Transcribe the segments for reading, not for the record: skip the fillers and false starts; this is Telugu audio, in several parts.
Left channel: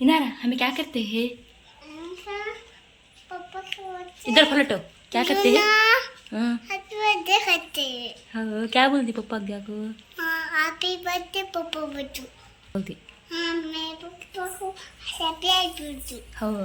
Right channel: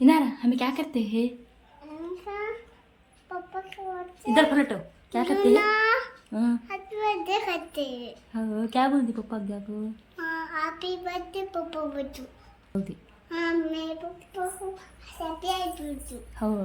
इनारा हमें क्या करते हैं? इधर पलटो। क्या करते हैं? हाँ, क्या बोलती पप्पा क्या को? हैप्पी बर्थडे पप्पा बच्चू बोलती। हाँ मैं पप्पा को हैप्पी बर्थडे हाँ।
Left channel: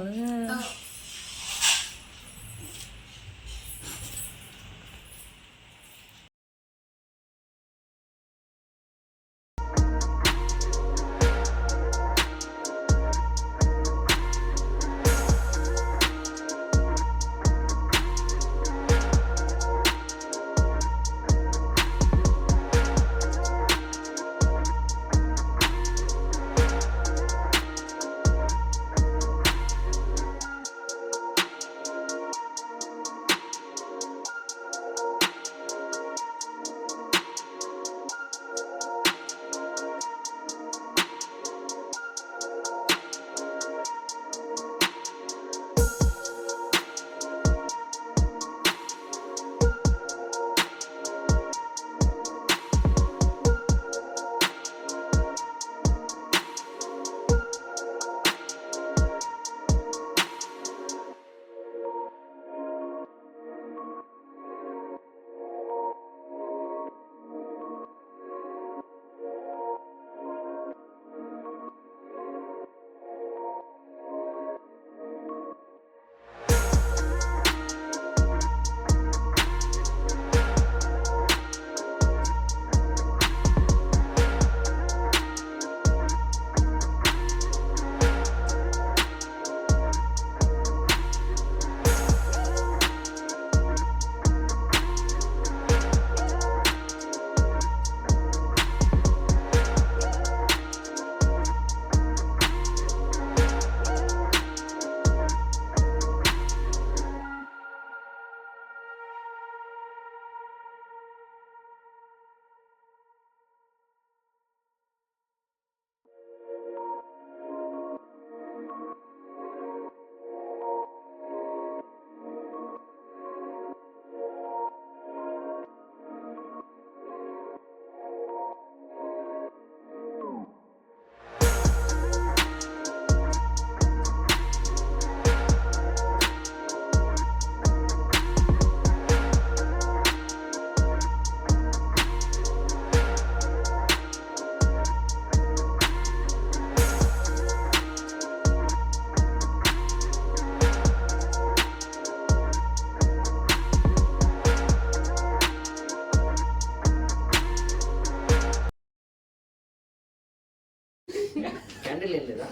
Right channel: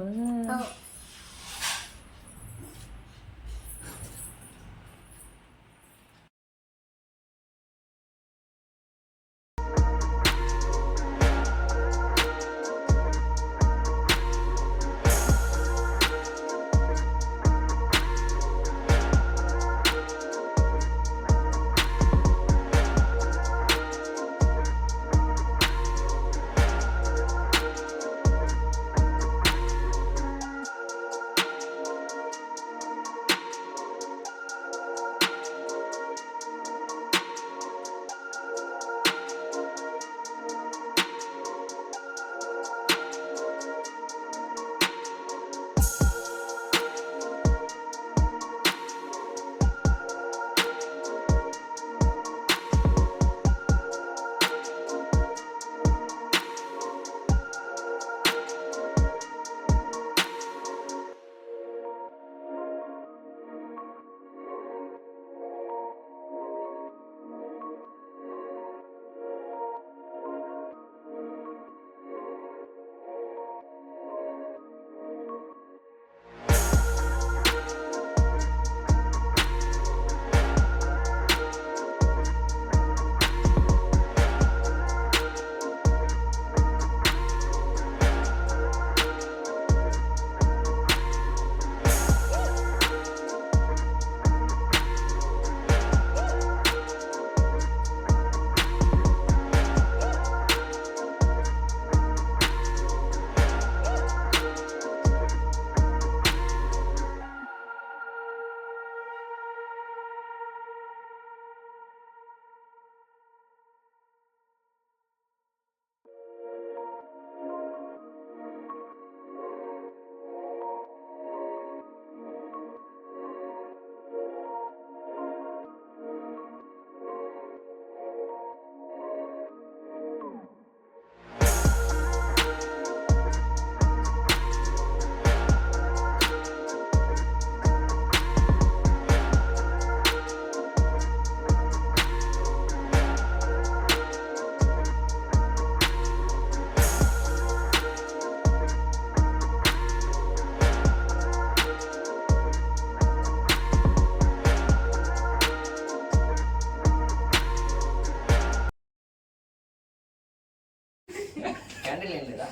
క్యాండిల్ ఏం లేదా?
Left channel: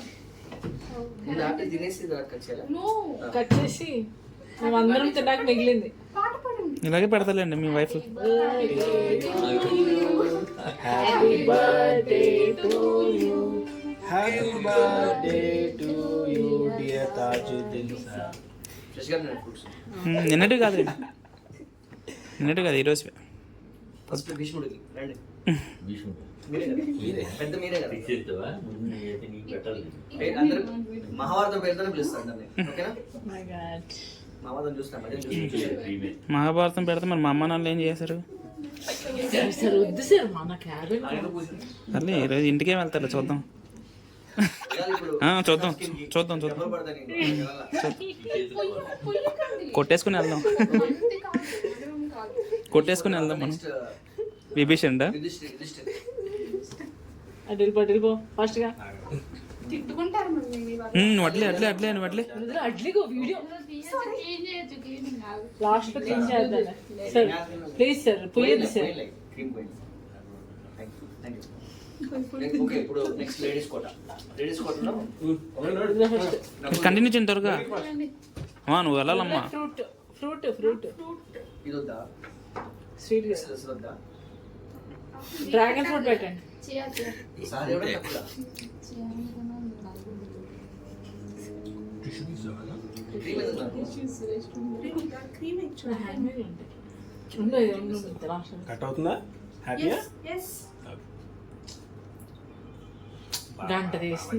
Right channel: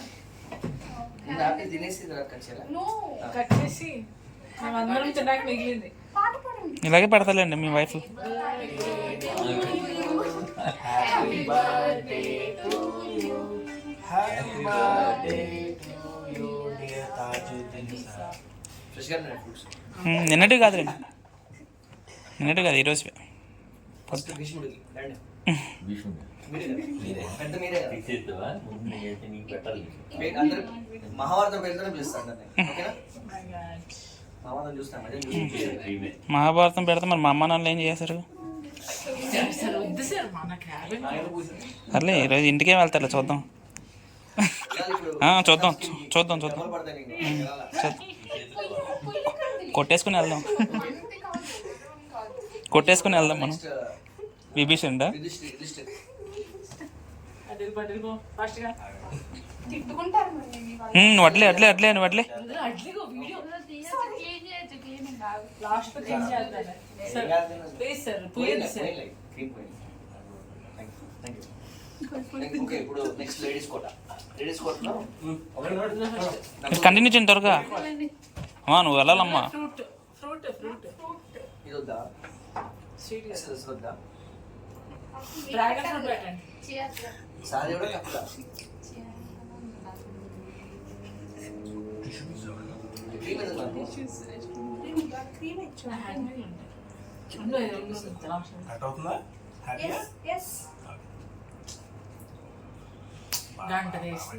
ముందు ఆపిల్ తినేసి కట్ చేసి అందరం తిన్నాక మిగిలింది. ఇలాగే పెడతాలేండి మీ వైఫ్. Happy birthday to you, happy birthday to you dear Tajuddin sir. Fresh గా ఉన్నాయి ఫ్రూట్స్. నిన్నటి కాదులేండి, నిన్నటి కాదు ఈరోజు. ఫస్ట్ భీష్ముడికి రండి. అందరూ మహాభారతం పేరుతోనే పిలుస్తాను. ఓకేనా? మహాభారతం చూస్తాం. మహాభారతం పెడితే మరి మా అమ్మ నాన్నలు ఏం చేశారు? సర్లే ఈరోజు ఇంటికే వెళ్తారు, చూద్దాం. చూద్దాం చూద్దాం చూద్దాం కొట్టేసుకుని వెళ్దాం, కొట్టేసుకుని వెళ్దాం మనం. విభీషణుడా? వడ్లే అట్లే అట్లే అని వడ్లే. కంటిన్యూ చేయండి త్వరగా. నువ్వు వెళ్ళాలమ్మా. డ్రాగన్ ఫ్రూట్ పెట్టండి. కట్ అవుతుందా? గంట తీసి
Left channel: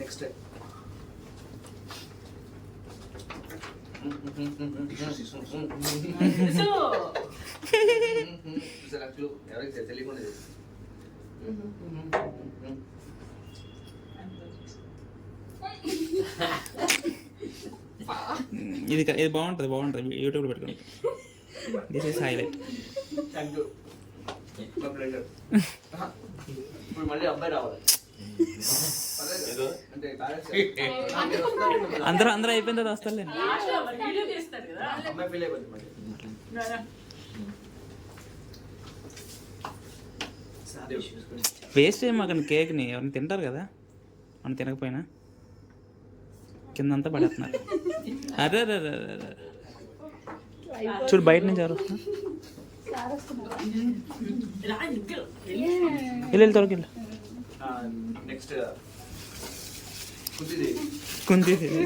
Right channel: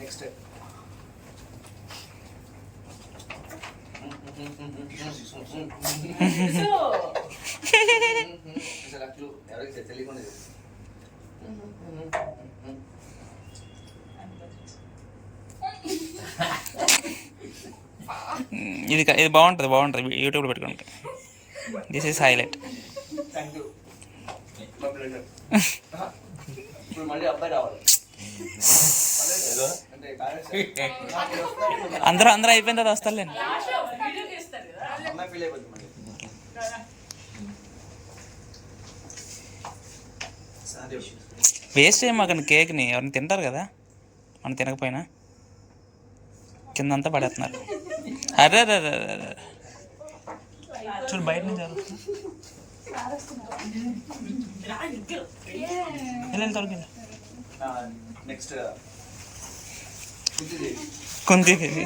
నెక్స్ట్ ఎవరికి తెలియకుండా చేసి ఇది బాగుంటుంది యూట్యూబ్లో పెట్టుకోండి. This is highlight. Thank you. ఇప్పుడు మళ్ళీ అబ్బాయి రావాలి అంటే అందరూ అయిపోయిన తర్వాత వస్తారులేండి. అమ్మాయి ఫీల్ అయిపోతుంది మళ్ళీ. వేస్ట్ చేయము అక్కడ కేక్ని, ఎవరిని తింటారు కదా, మనం తినకపోయినా కిందంతా పడేస్తున్నారు. అరే అరే అరే అరే చూడు బయట నుంచి ఎవరు వెళ్ళు త్వరకి వెళ్ళు. నెక్స్ట్ కుంతిదేవి.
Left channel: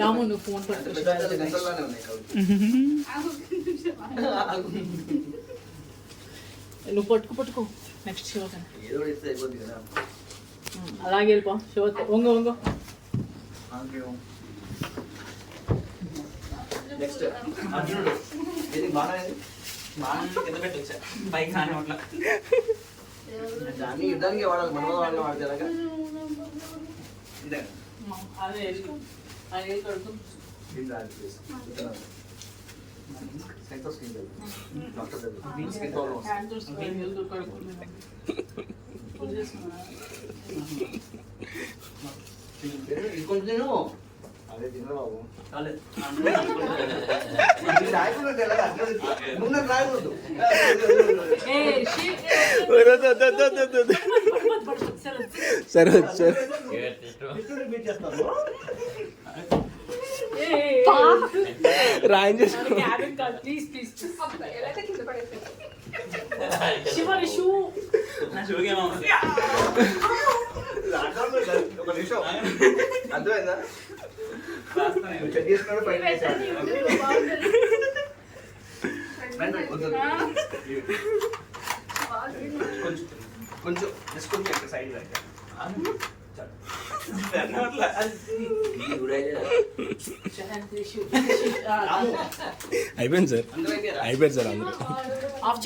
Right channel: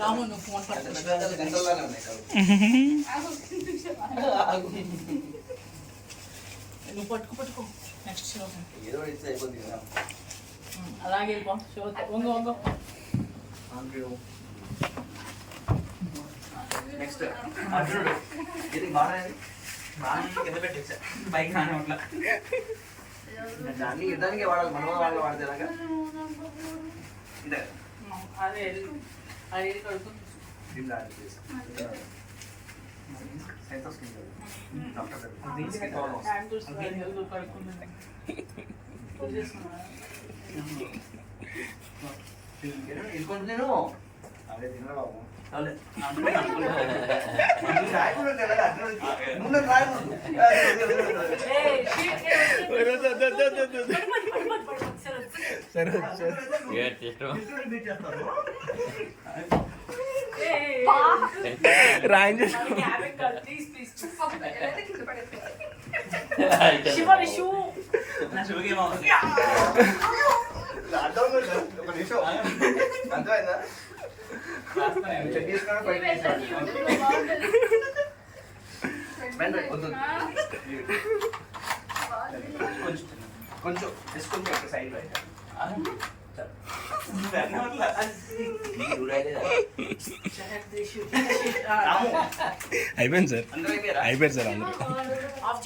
రాము నువ్వు ఫోన్ గంటల్లోనే ఉన్నాయి కాదు. నువ్వు పట్టుకో నెక్స్ట్ శివతని ఏదో ఒకటి ఇస్తే అయిపోద్ది కదా. అలాగే వెళ్ళిపో శివత వంగు నెక్స్ట్ అర్జునుడు. ఇది బాగా కింద పెట్టేచ్చా పైకి నానే అట్లా. దాన్ని యుద్ధానికి వాడాలి, మన వాళ్ళని వాడితే ఎలాగా. ఇదే అదే అది కడుతూ దీని రాదు please. Science of skin doctor దగ్గర స్కిన్ ప్రాబ్లమ్స్. ఇది కొంచెం తిను. అదే తినరా బాబు. రాయకుండా తెలదా నువ్వు నాకు రాయవద్దు. సరే రాయం చేసుకో. అర్థమైందా? కొంచెం కొంచెం అక్కడ సైడ్ అయిపోయింది సార్, అందరూ అయిపోయారా? అయిపోయింది సార్ అందరూ. ఆఫ్